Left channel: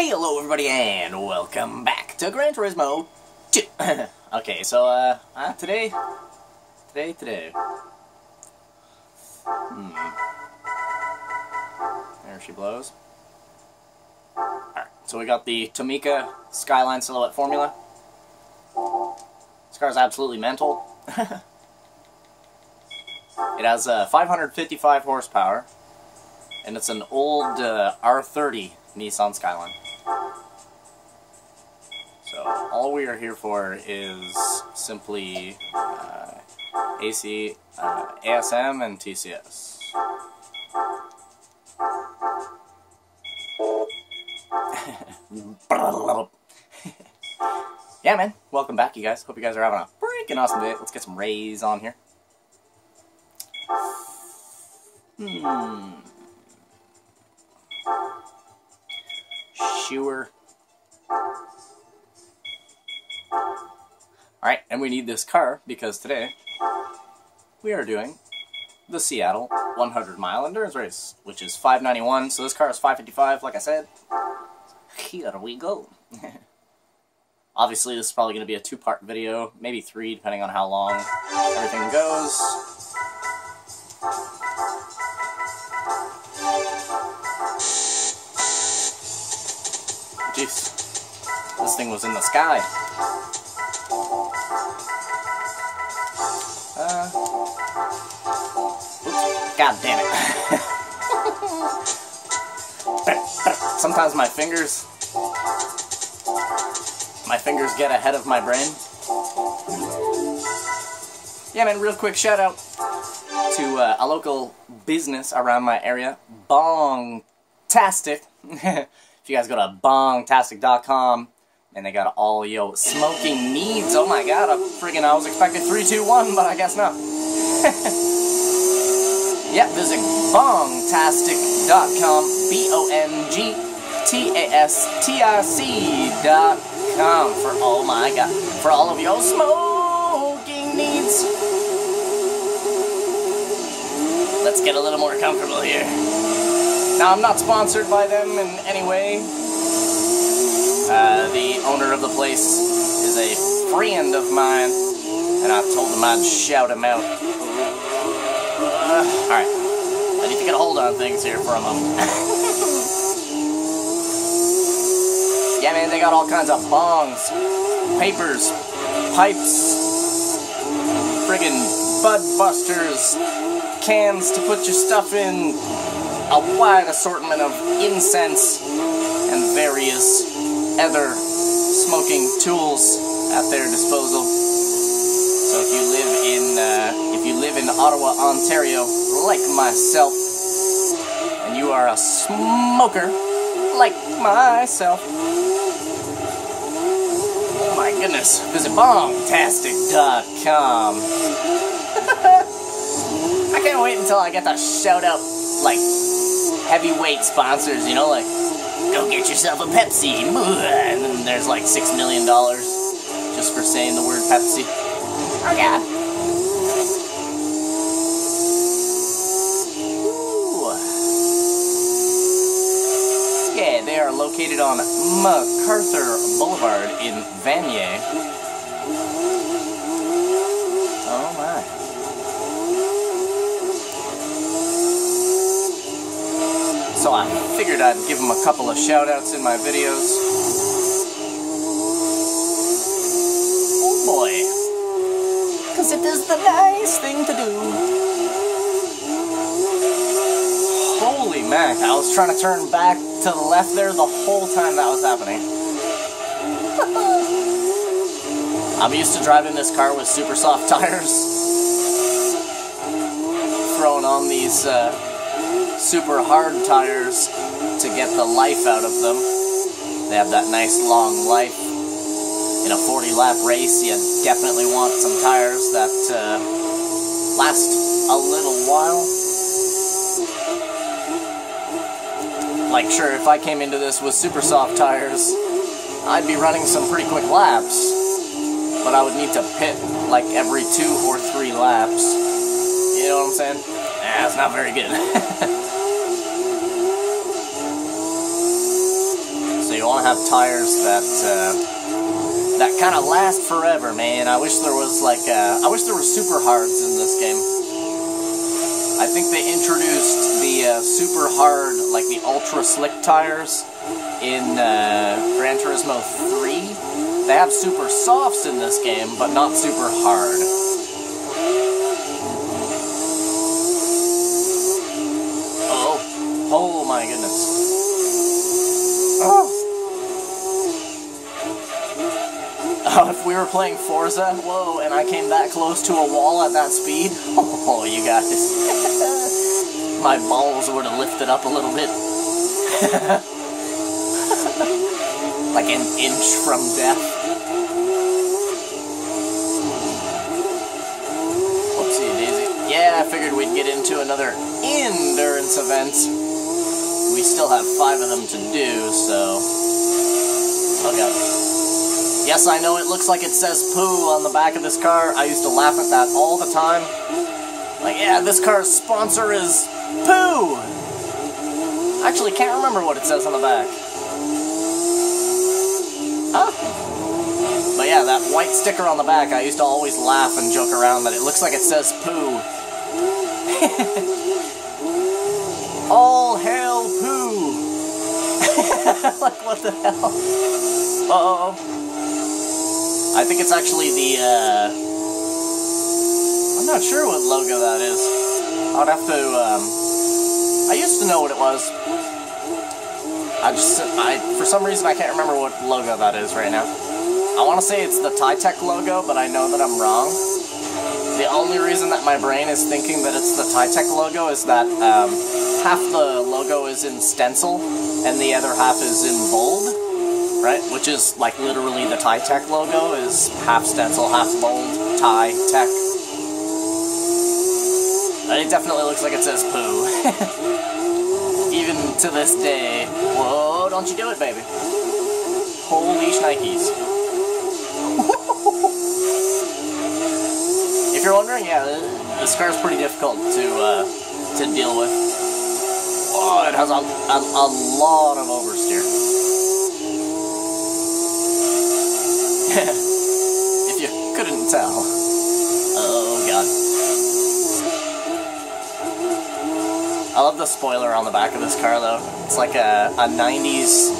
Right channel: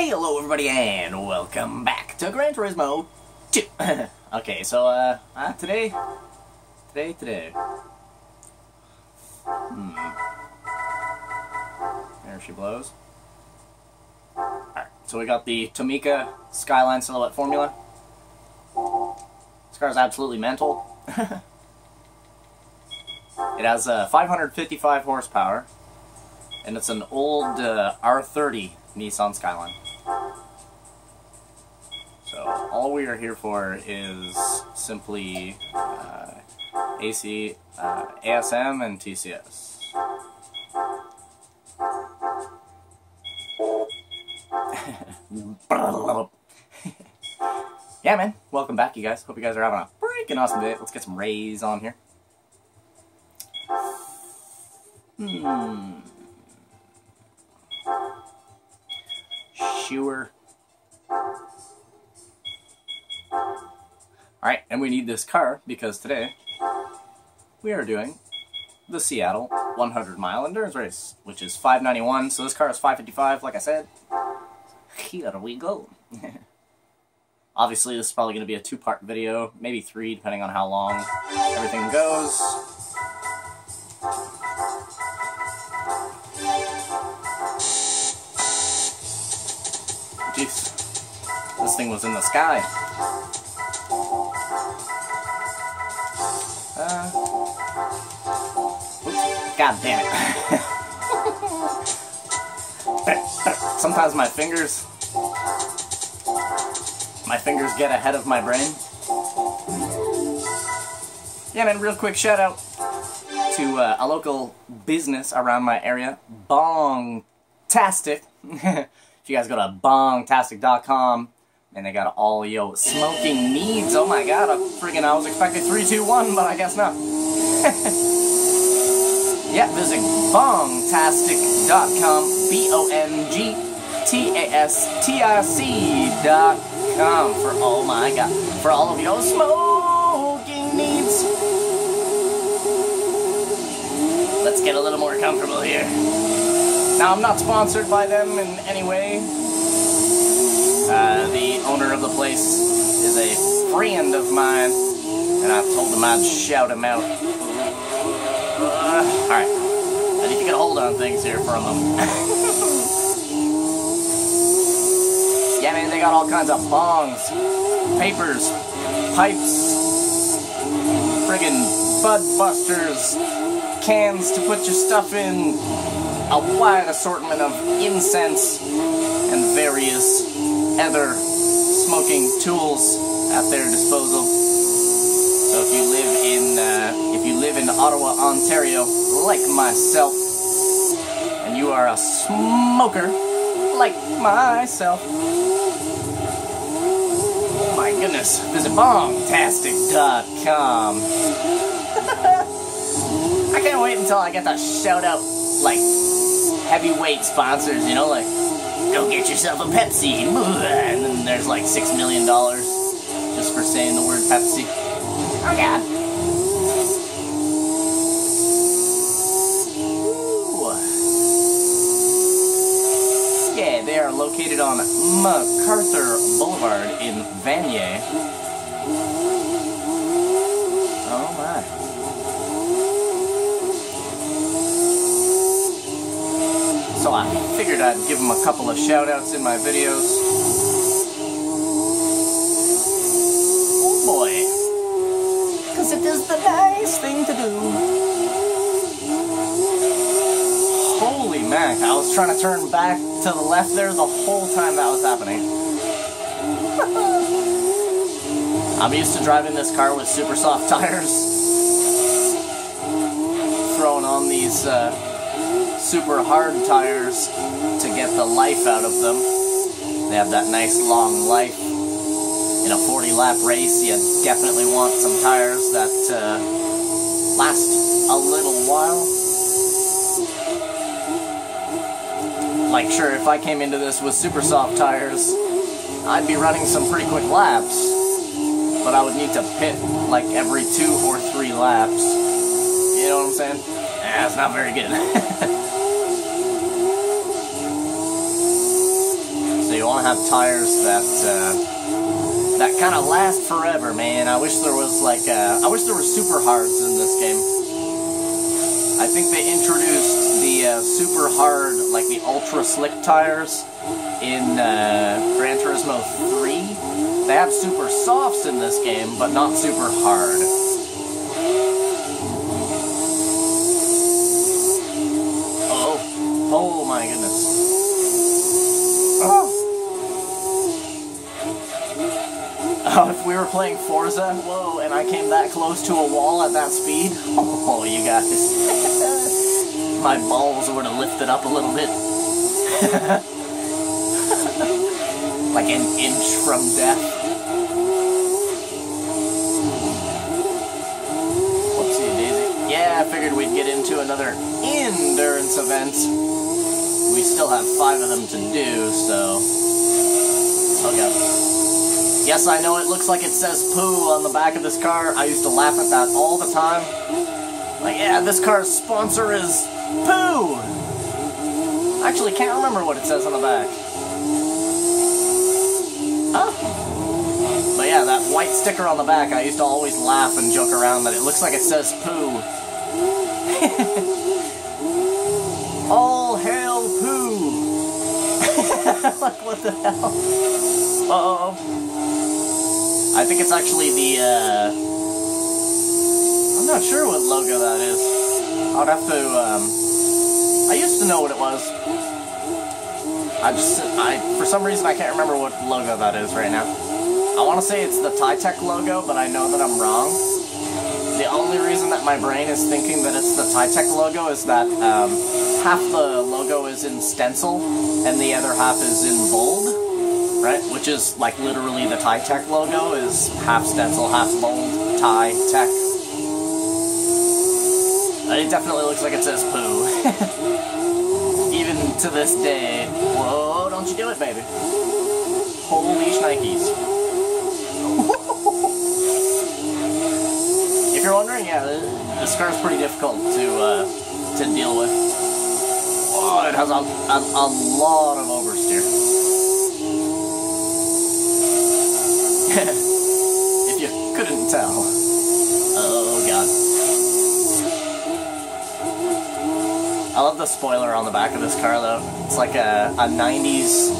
Hey, hello everybody, and welcome back to Gran Turismo 2. Okay, so, today. There she blows. Alright, so we got the Tomica Skyline Silhouette Formula. This car is absolutely mental. It has 555 horsepower, and it's an old R30 Nissan Skyline. So all we are here for is simply AC, ASM, and TCS. Yeah, man. Welcome back, you guys. Hope you guys are having a freaking awesome day. Let's get some rays on here. Sure. Alright, and we need this car because today we are doing the Seattle 100-mile endurance race, which is 591, so this car is 555, like I said. Here we go. Obviously, this is probably going to be a two-part video, maybe three, depending on how long everything goes. Jeez, this thing was in the sky. Oops, God damn it. Sometimes my fingers get ahead of my brain. Yeah, man, real quick shout out to a local business around my area, Bongtastic. If you guys go to bongtastic.com, and they got all your smoking needs. Oh my god, I was expecting 3, 2, 1, but I guess not. Yeah, visit bongtastic.com, bongtastic.com for, oh my god, for all of your smoking needs. Let's get a little more comfortable here. Now, I'm not sponsored by them in any way. The owner of the place is a friend of mine, and I told him I'd shout him out. Alright, I need to get a hold on things here for a moment. Yeah, man, they got all kinds of bongs, papers, pipes, friggin' bud busters, cans to put your stuff in, a wide assortment of incense and various other smoking tools at their disposal. So if you live in Ottawa, Ontario, like myself, and you are a smoker like myself, my goodness, visit bongtastic.com. I can't wait until I get to shout out like heavyweight sponsors, you know, like, go get yourself a Pepsi, and then there's like $6 million just for saying the word Pepsi. Oh god. Ooh. Yeah, they are located on MacArthur Boulevard in Vanier. Oh my. So I figured I'd give them a couple of shout-outs in my videos. Oh boy. Because it is the nice thing to do. Holy man, I was trying to turn back to the left there the whole time that was happening. I'm used to driving this car with super soft tires. Throwing on these super hard tires to get the life out of them. They have that nice long life. In a 40-lap race, you definitely want some tires that last a little while. Like, sure, if I came into this with super soft tires, I'd be running some pretty quick laps. But I would need to pit like every 2 or 3 laps. You know what I'm saying? Yeah, it's not very good. want to have tires that that kind of last forever, man. I wish there was like I wish there were super hards in this game. I think they introduced the super hard, like the ultra slick tires in Gran Turismo 3. They have super softs in this game, but not super hard. Oh my goodness. Oh, if we were playing Forza, whoa, and I came that close to a wall at that speed, oh, you guys. My balls would have lifted up a little bit. Like an inch from death. Whoopsie daisy. Yeah, I figured we'd get into another endurance event. We still have 5 of them to do, so... Okay. Yes, I know it looks like it says poo on the back of this car. I used to laugh at that all the time. Like, yeah, this car's sponsor is poo! Actually, can't remember what it says on the back. Huh? But yeah, that white sticker on the back, I used to always laugh and joke around that it looks like it says poo. All hail poo! Like, what the hell? Uh-oh. I think it's actually the, I'm not sure what logo that is. I would have to, I used to know what it was. For some reason, I can't remember what logo that is right now. I want to say it's the Titech logo, but I know that I'm wrong. The only reason that my brain is thinking that it's the Titech logo is that, half the logo is in stencil, and the other half is in bold. Right, which is like literally the Titech logo is half stencil, half bold, Titech. But it definitely looks like it says poo. Even to this day. Whoa, don't you do it, baby. Holy shnikes. If you're wondering, yeah, this car is pretty difficult to deal with. Oh, it has a lot of oversteer. If you couldn't tell. Oh, God. I love the spoiler on the back of this car, though. It's like a 90s...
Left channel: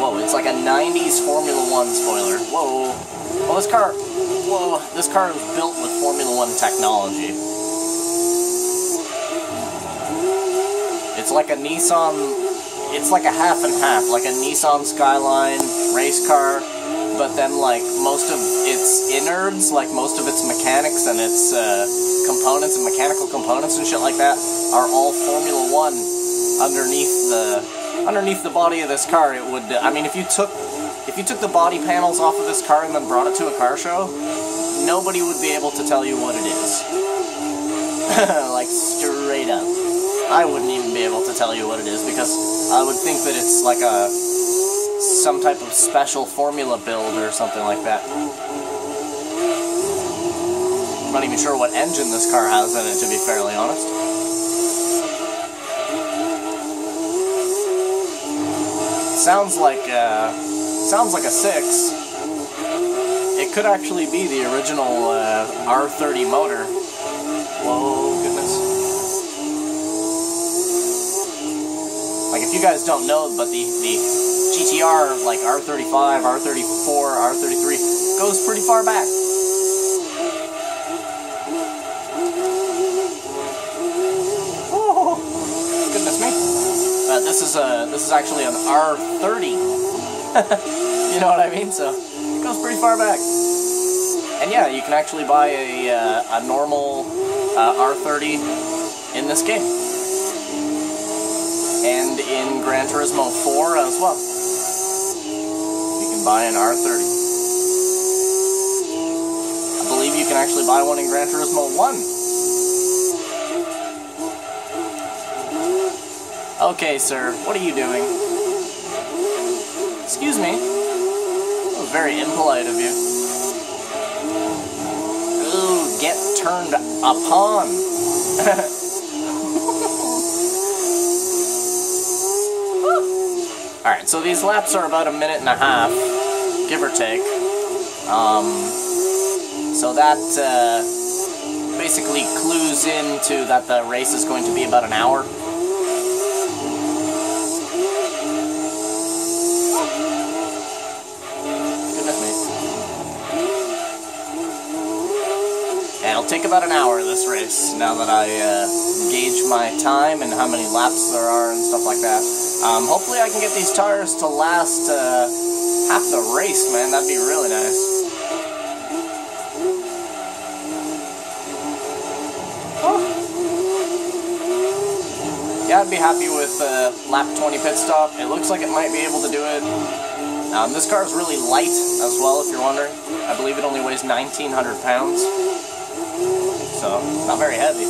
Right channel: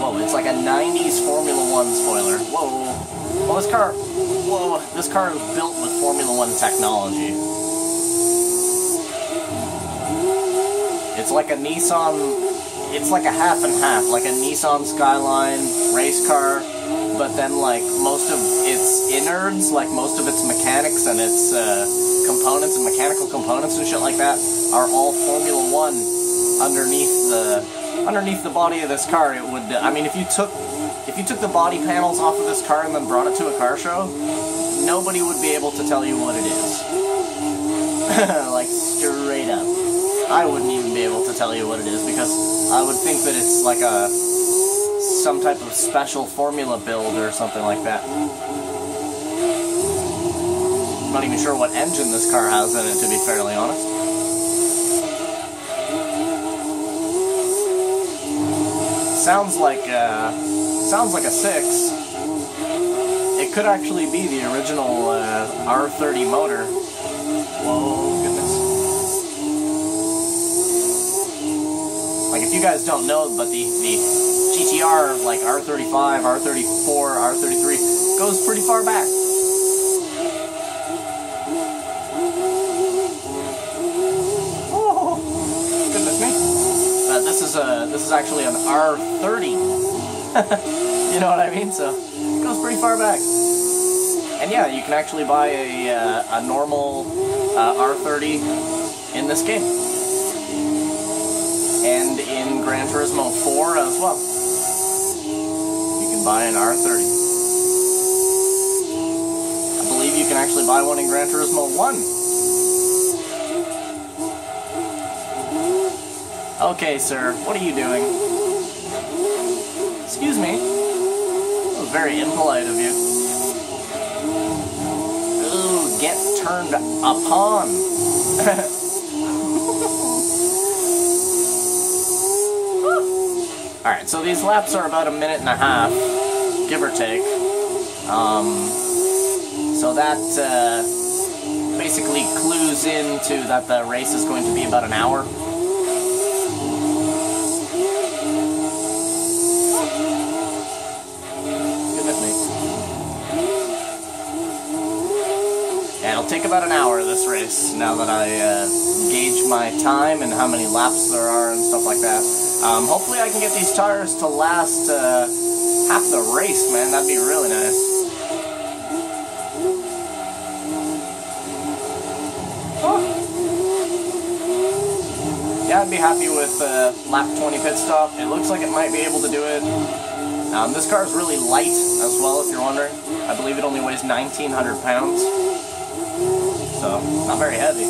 Whoa, it's like a 90s Formula 1 spoiler. Whoa. Well, this car... Whoa, this car is built with Formula 1 technology. It's like a Nissan... It's like a half and half. Like a Nissan Skyline race car... But then, like, most of its innards, like, most of its mechanics and its components and mechanical components and shit like that are all Formula 1 underneath the body of this car. It would, I mean, if you took the body panels off of this car and then brought it to a car show, nobody would be able to tell you what it is. Like, straight up. I wouldn't even be able to tell you what it is because I would think that it's like some type of special formula build or something like that. I'm not even sure what engine this car has in it, to be fairly honest. Sounds like a 6. It could actually be the original R30 motor. Whoa, goodness. Like, if you guys don't know, but the GTR, like R35, R34, R33, goes pretty far back. Oh, goodness me. This is actually an R30. You know what I mean? So, it goes pretty far back. And yeah, you can actually buy a normal R30 in this game. And in Gran Turismo 4 as well. You can buy an R30. I believe you can actually buy one in Gran Turismo 1. Okay, sir, what are you doing? Excuse me. That was very impolite of you. Ooh, get turned upon. Alright, So these laps are about 1.5 minutes, give or take. So that basically clues into that the race is going to be about an hour. Take about an hour this race, now that I gauge my time and how many laps there are and stuff like that. Hopefully I can get these tires to last half the race, man. That'd be really nice. Oh. Yeah, I'd be happy with lap 20 pit stop. It looks like it might be able to do it. This car's really light as well, if you're wondering. I believe it only weighs 1,900 pounds. So, not very heavy. I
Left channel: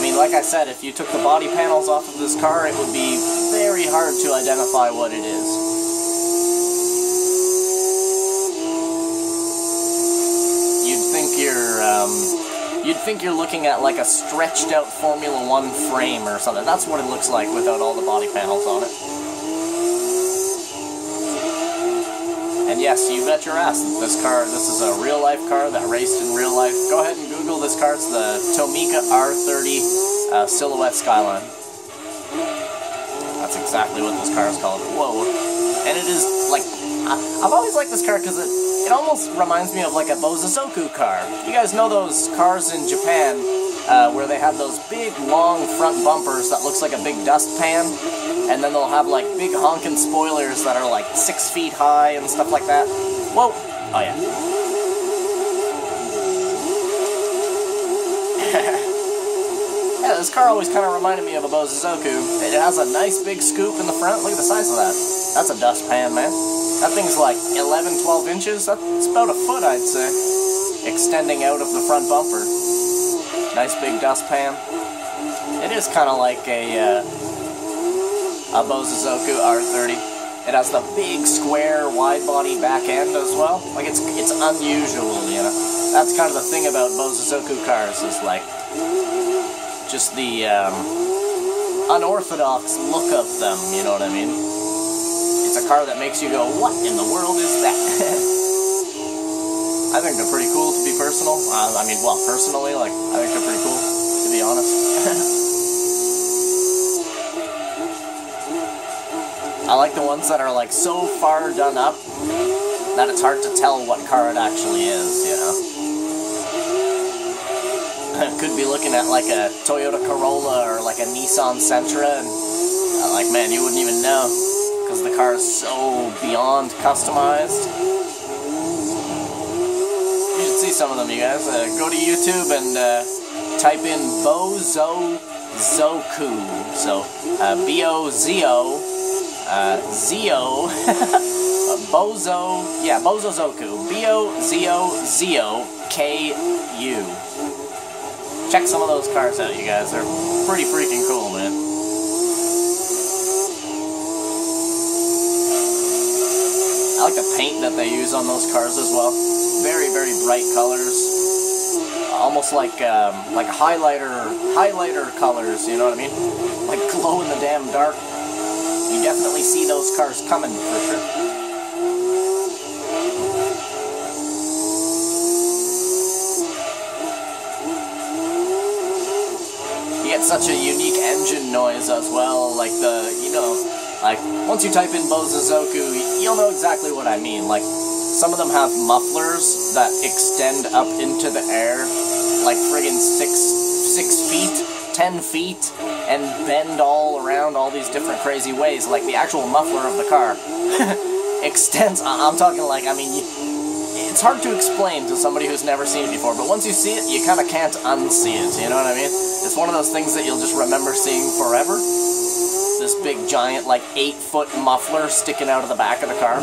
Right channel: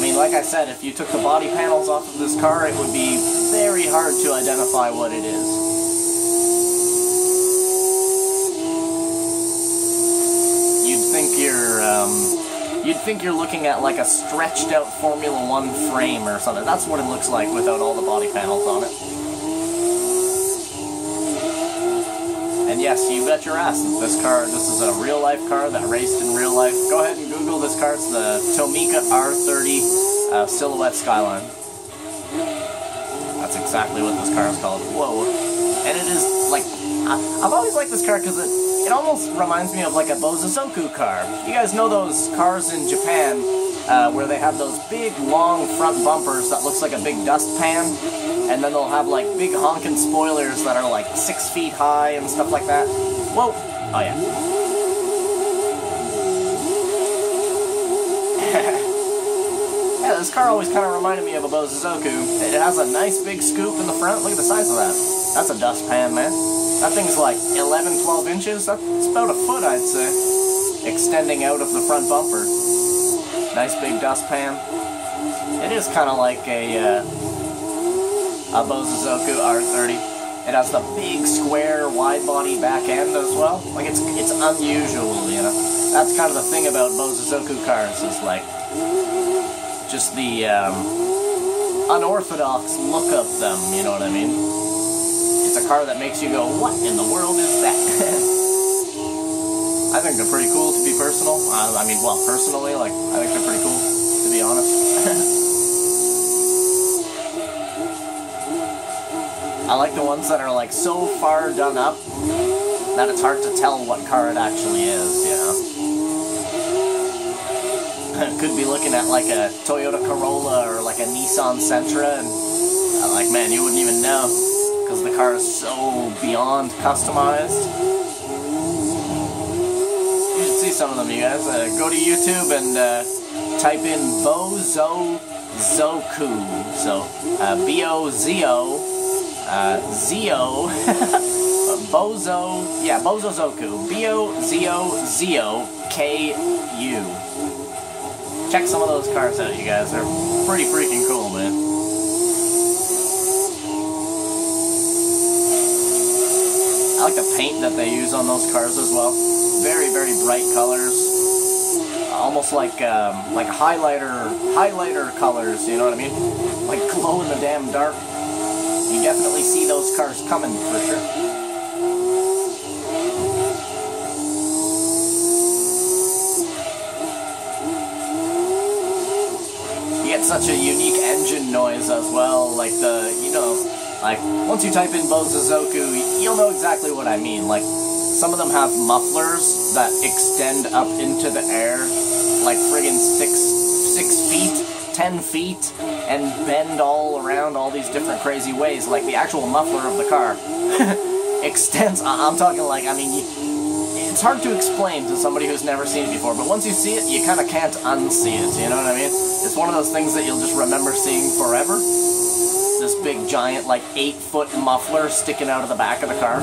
mean, like I said, if you took the body panels off of this car, it would be very hard to identify what it is. You'd think you're looking at like a stretched out Formula 1 frame or something. That's what it looks like without all the body panels on it. And yes, you bet your ass, this is a real-life car that raced in real life. Go ahead and Google this car. It's the Tomica R30 Silhouette Skyline. That's exactly what this car is called. Whoa. And it is, like, I've always liked this car because it almost reminds me of, like, a Bozozoku car. You guys know those cars in Japan where they have those big, long front bumpers that looks like a big dustpan? And then they'll have, like, big honking spoilers that are, like, 6 feet high and stuff like that. Whoa! Oh, yeah. Yeah, this car always kind of reminded me of a Bozozoku. It has a nice big scoop in the front. Look at the size of that. That's a dustpan, man. That thing's, like, 11, 12 inches. That's about a foot, I'd say, extending out of the front bumper. Nice big dustpan. It is kind of like a Bozozoku R30. It has the big, square, wide-body back end as well. Like, it's unusual, you know? That's kind of the thing about Bozozoku cars, is, like, just the unorthodox look of them, you know what I mean? It's a car that makes you go, what in the world is that? I think they're pretty cool, to be personal. I mean, well, personally, like, I think they're pretty cool, to be honest. I like the ones that are, like, so far done up that it's hard to tell what car it actually is, you know? I could be looking at, like, a Toyota Corolla or, like, a Nissan Sentra, and, like, man, you wouldn't even know, because the car is so beyond customized. You should see some of them, you guys. Go to YouTube and type in Bozozoku. So, B-O-Z-O. Zio, Bozozoku, B-O-Z-O-Z-O-K-U. Check some of those cars out, you guys. They're pretty freaking cool, man. I like the paint that they use on those cars as well. Very, very bright colors. Almost like highlighter colors, you know what I mean? Like glow in the damn dark. You definitely see those cars coming, for sure. You get such a unique engine noise as well, like like, once you type in Bozozoku, you'll know exactly what I mean. Like, some of them have mufflers that extend up into the air, like friggin' 6 feet. 10 feet and bend all around all these different crazy ways. Like the actual muffler of the car extends. I'm talking like, I mean, it's hard to explain to somebody who's never seen it before, but once you see it, you kind of can't unsee it, you know what I mean? It's one of those things that you'll just remember seeing forever. This big giant, like 8-foot muffler sticking out of the back of the car.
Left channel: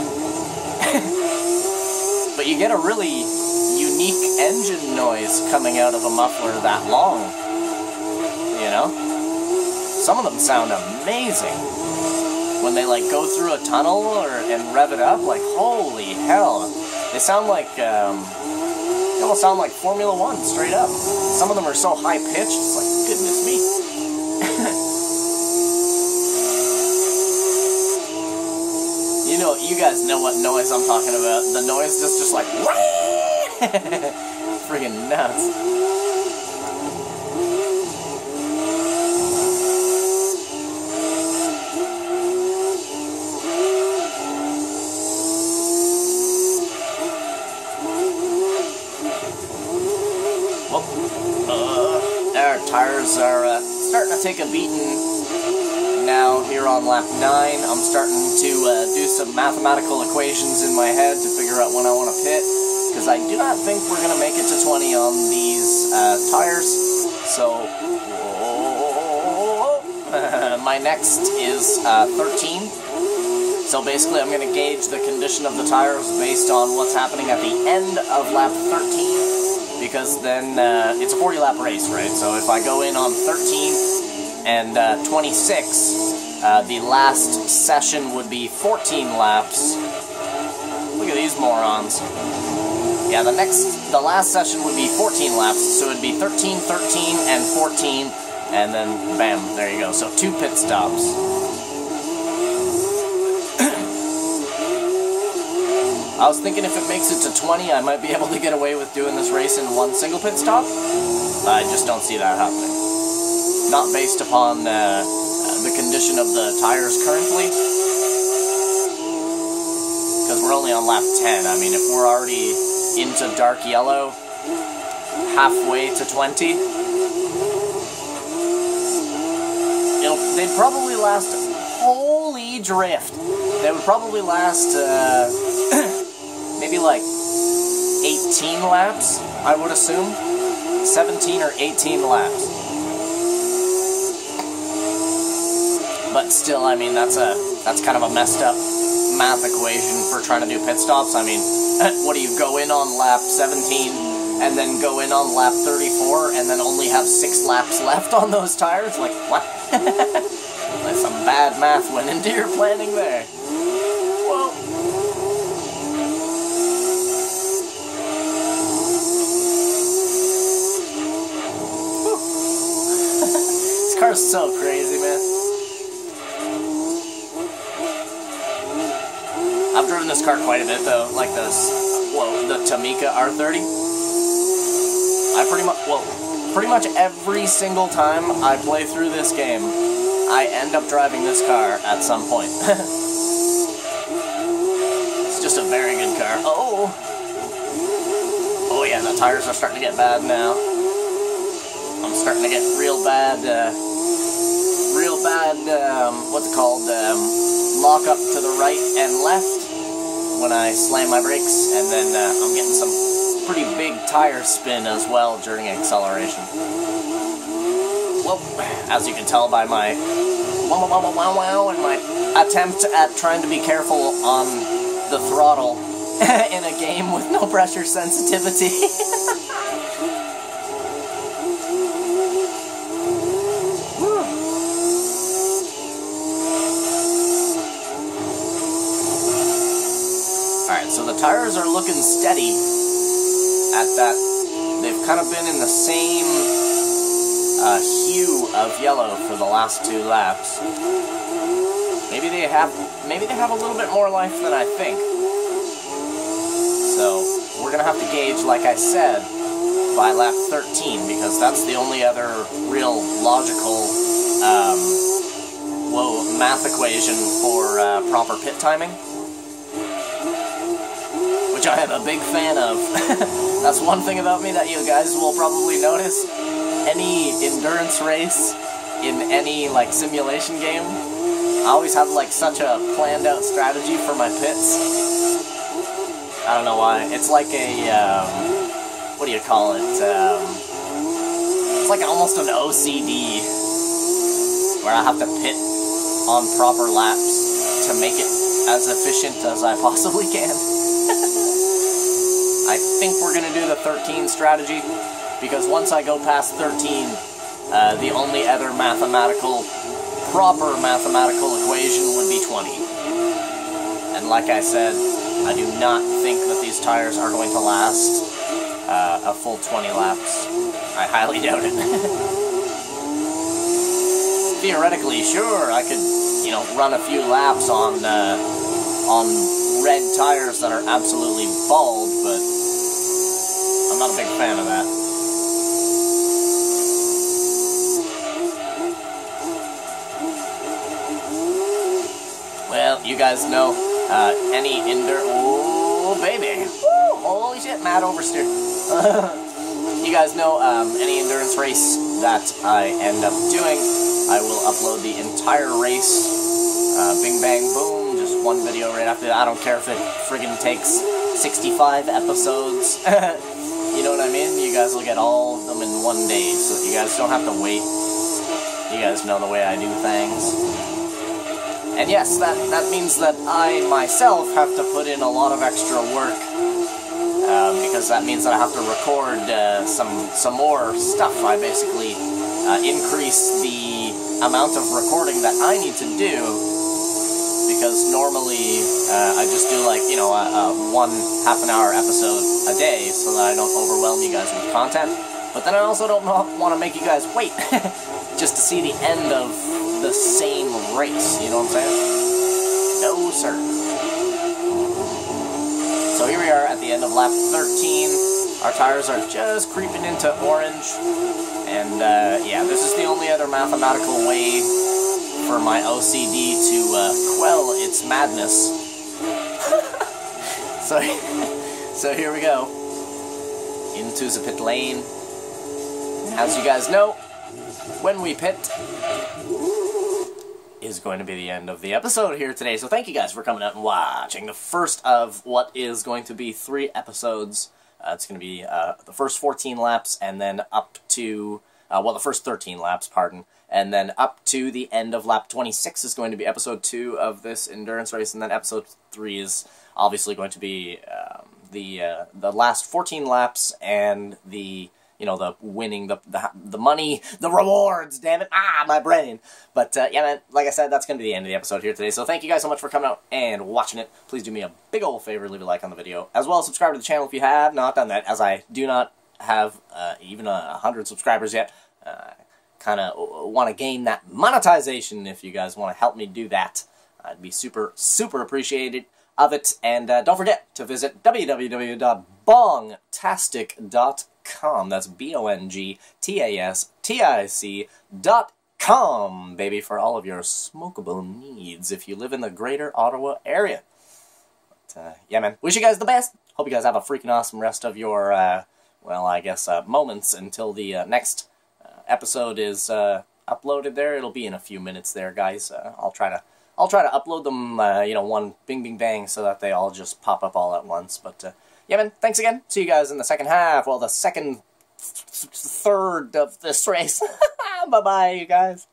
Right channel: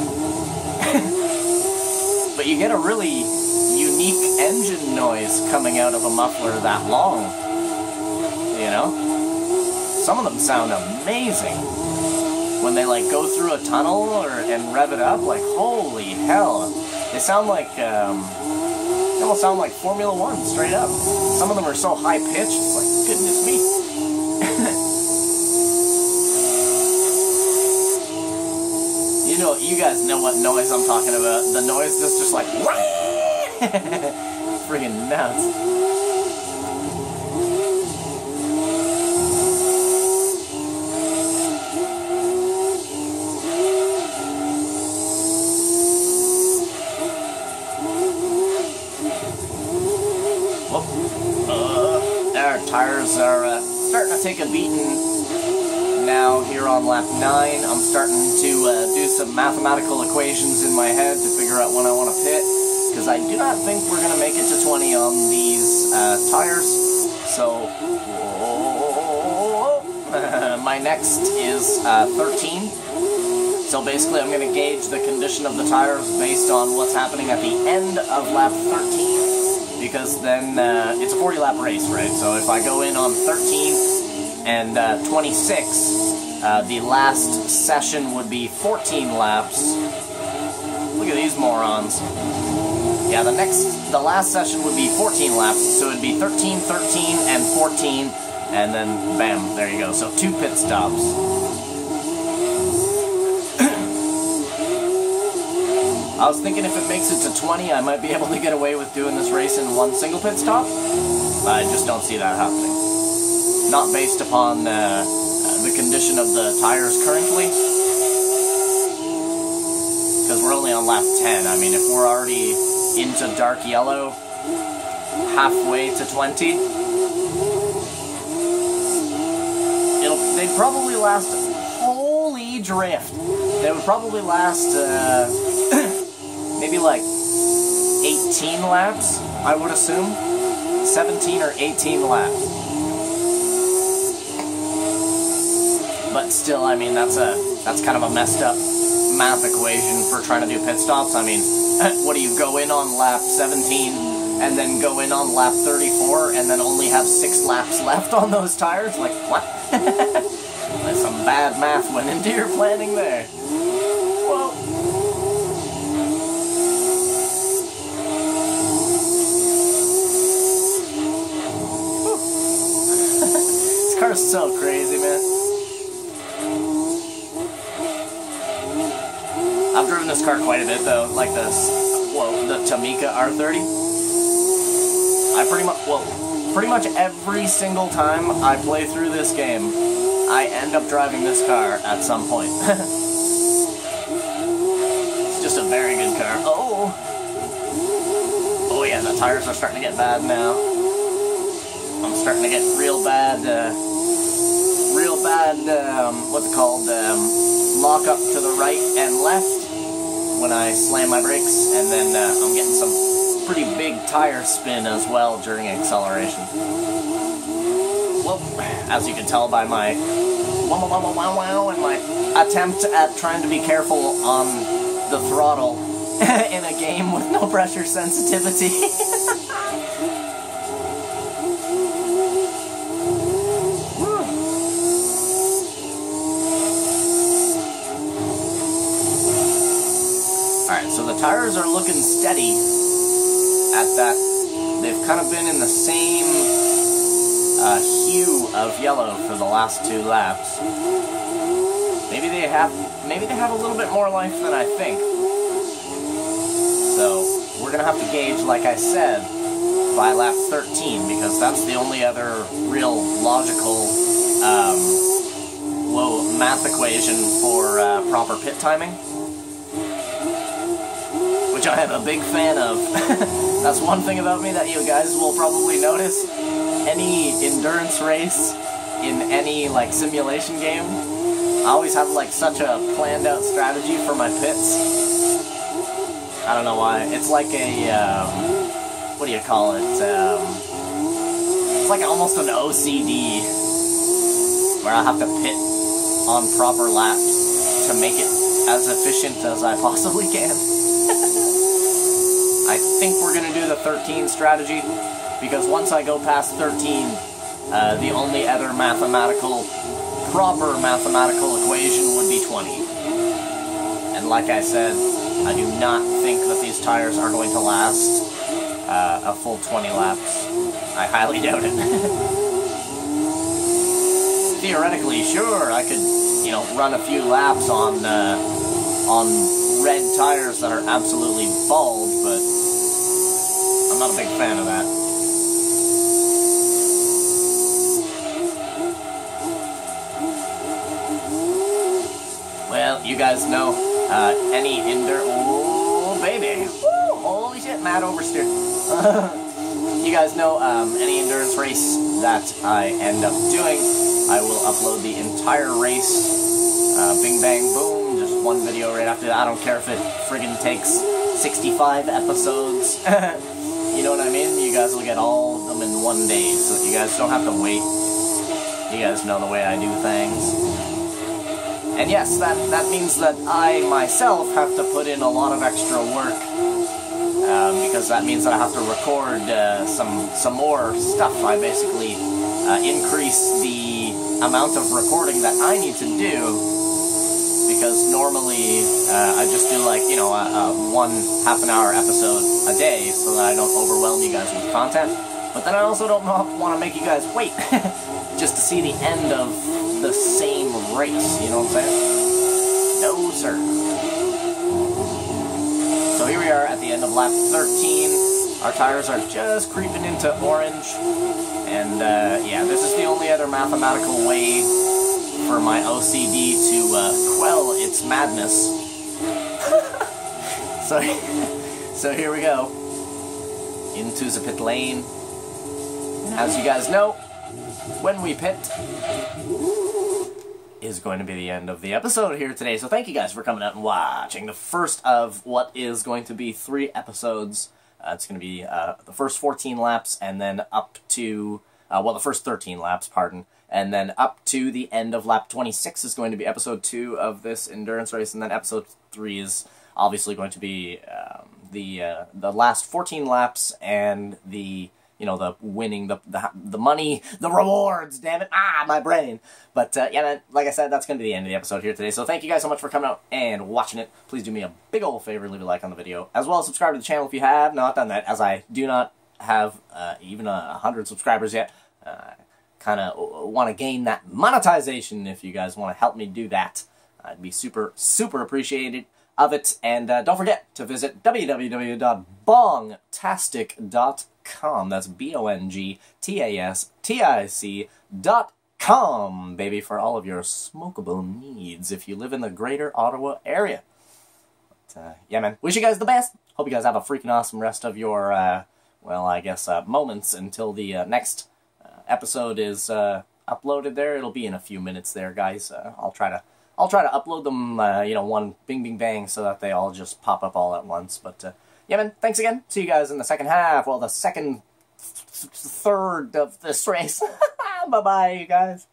But you get a really unique engine noise coming out of a muffler that long. You know? Some of them sound amazing. When they, like, go through a tunnel and rev it up, like, holy hell. They sound like, they almost sound like Formula 1, straight up. Some of them are so high-pitched, it's like, goodness me. You know, you guys know what noise I'm talking about. The noise is just like, friggin' nuts. Our tires are starting to take a beating. Now here on lap 9, I'm starting to do some mathematical equations in my head to figure out when I want to pit, because I do not think we're going to make it to 20 on these tires. So my next is 13. So basically I'm going to gauge the condition of the tires based on what's happening at the end of lap 13, because then it's a 40 lap race, right? So if I go in on 13 and 26, the last session would be 14 laps. Look at these morons. Yeah, the last session would be 14 laps, so it would be 13, 13, and 14, and then bam, there you go. So 2 pit stops. I was thinking if it makes it to 20, I might be able to get away with doing this race in 1 single pit stop. I just don't see that happening. Not based upon the condition of the tires currently, because we're only on lap 10. I mean, if we're already into dark yellow, halfway to 20, they'd probably last, holy drift, they would probably last maybe like 18 laps, I would assume, 17 or 18 laps. But still, I mean, that's kind of a messed up math equation for trying to do pit stops. I mean, what do you go in on lap 17 and then go in on lap 34 and then only have 6 laps left on those tires? Like, what? That's some bad math went into your planning there. Whoa. This car's so crazy, man. I've driven this car quite a bit though, like the Tamika R30. Pretty much every single time I play through this game, I end up driving this car at some point. It's just a very good car. Oh yeah, the tires are starting to get bad now. I'm starting to get real bad, what's it called, lock up to the right and left when I slam my brakes, and then I'm getting some pretty big tire spin as well during acceleration. Well, as you can tell by my wow and my attempt at trying to be careful on the throttle in a game with no pressure sensitivity. So the tires are looking steady at that. They've kind of been in the same hue of yellow for the last 2 laps. Maybe they have a little bit more life than I think. So we're gonna have to gauge, like I said, by lap 13, because that's the only other real logical math equation for proper pit timing. Which I am a big fan of. That's one thing about me that you guys will probably notice. Any endurance race in any like simulation game, I always have like such a planned out strategy for my pits. I don't know why. It's like a what do you call it? It's like almost an OCD where I have to pit on proper laps to make it as efficient as I possibly can. I think we're going to do the 13 strategy, because once I go past 13, the only other proper mathematical equation would be 20. And like I said, I do not think that these tires are going to last a full 20 laps. I highly doubt it. Theoretically, sure, I could, run a few laps on on red tires that are absolutely bald, but I'm not a big fan of that. Well, you guys know, any oh, baby. Woo! Holy shit, mad oversteer. You guys know, any endurance race that I end up doing, I will upload the entire race, bing bang boom, just one video right after that. I don't care if it friggin' takes 65 episodes. You know what I mean? You guys will get all of them in one day, so you guys don't have to wait. You guys know the way I do things. And yes, that means that I myself have to put in a lot of extra work, because that means that I have to record some more stuff. I basically increase the amount of recording that I need to do, because normally I just do like, you know, one half-an-hour episode a day so that I don't overwhelm you guys with content. But then I also don't want to make you guys wait just to see the end of the same race, you know what I'm saying? No, sir. So here we are at the end of lap 13. Our tires are just creeping into orange. And, yeah, this is the only other mathematical way for my OCD to quell its madness. So here we go. Into the pit lane. As you guys know, when we pit is going to be the end of the episode here today. So thank you guys for coming out and watching the first of what is going to be 3 episodes. It's going to be the first 14 laps, and then up to, well, the first 13 laps, pardon. And then up to the end of lap 26 is going to be episode 2 of this endurance race, and then episode 3 is obviously going to be the last 14 laps and the, you know, the winning, the money, the rewards, damn it, my brain. But, yeah, man, like I said, that's going to be the end of the episode here today. So thank you guys so much for coming out and watching it. Please do me a big old favor, leave a like on the video, as well as subscribe to the channel if you have not done that, as I do not have even 100 subscribers yet. Kind of want to gain that monetization. If you guys want to help me do that, I'd be super, super appreciated of it. And don't forget to visit www.bongtastic.com. That's BONGTASTIC.com, baby, for all of your smokable needs if you live in the greater Ottawa area. But, yeah, man, wish you guys the best. Hope you guys have a freaking awesome rest of your, well, I guess, moments until the next episode is uploaded there. It'll be in a few minutes there, guys. I'll try to upload them, you know, one bing bing bang, so that they all just pop up all at once. But yeah, man, thanks again. See you guys in the second half. Well, the second third of this race. Bye bye, you guys.